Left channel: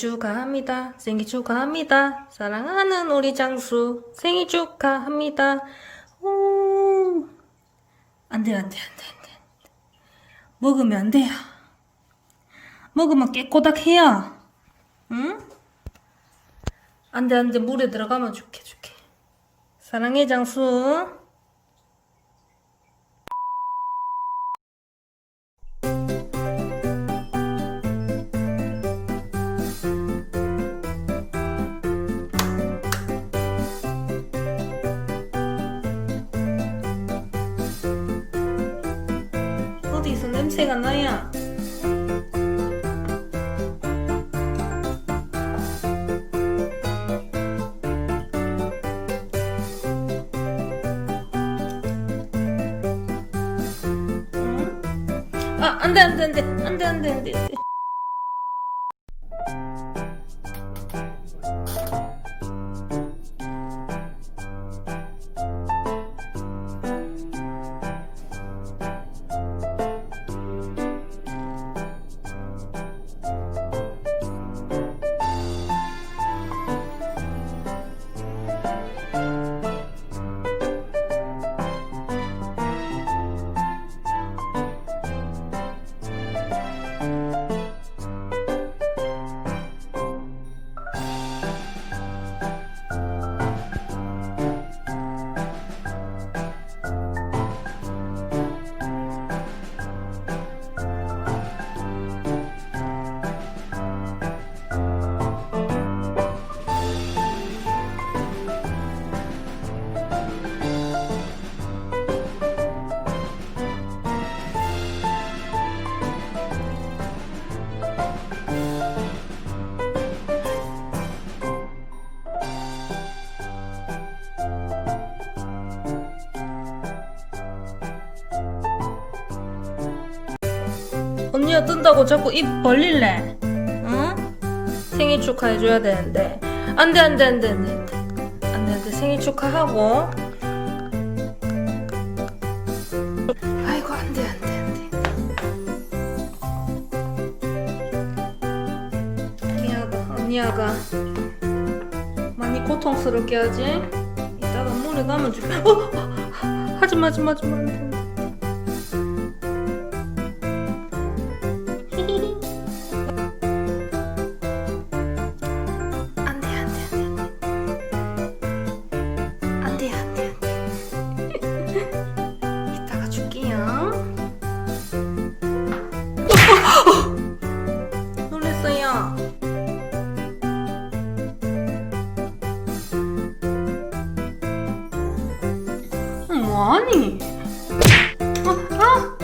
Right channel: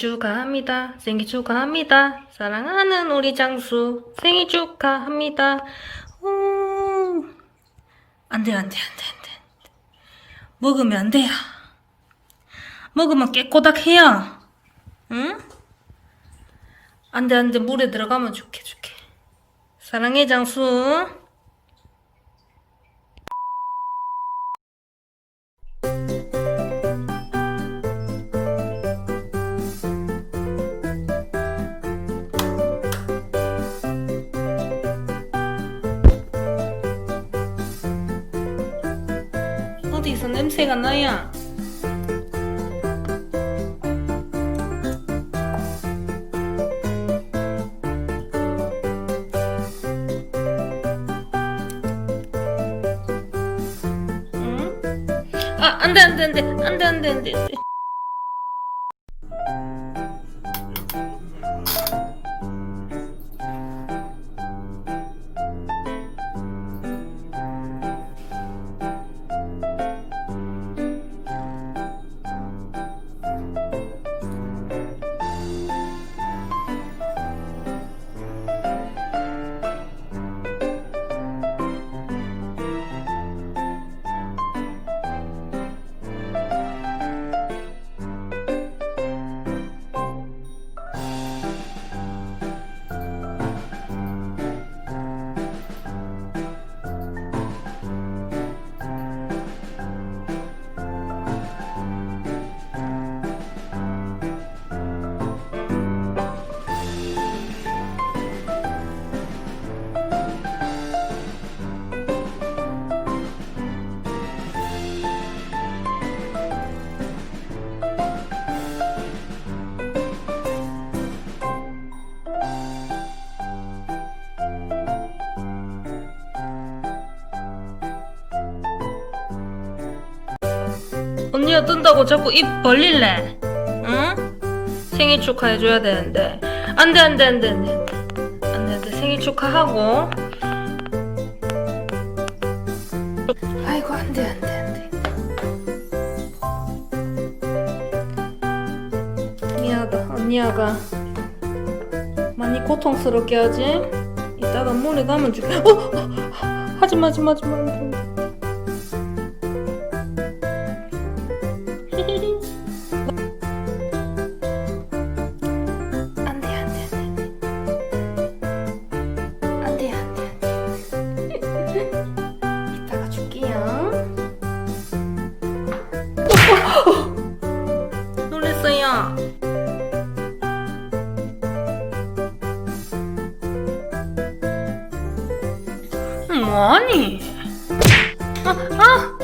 축하합니다. 생일 축하합니다. 사랑하는 우리 장수 생일 축하합니다. 오. 안 돼, 안 돼, 안 돼, 안 돼. 먹으면 안 돼요. 먹으면 깨꼬닥해요. 응? 안 돼, 안 돼. 물에 들어가면 죽게, 죽게. 사랑해, 장수. 어디서 냄새가 나야? 응? 아, 안 돼, 안 돼, 안 돼, 안 돼, 안 돼, 안 돼. 언니가 뜬다고 자꾸 입 벌릴래? 응? 생일 축하해줘야 되는데. 안 돼, 안 돼, 안 돼, 안 돼. 안 돼, 안 돼. 생일 축하하고. 아이고, 안 돼, 안 돼, 안 돼. 미안하다, 언니야가. 많이 고통스럽게 하지? 이따가 물에 가면 죽 어! 어! 하지마, 하지마, 하지마. 안 돼, 안 돼. 안 돼, 뭐하니? 아, 아!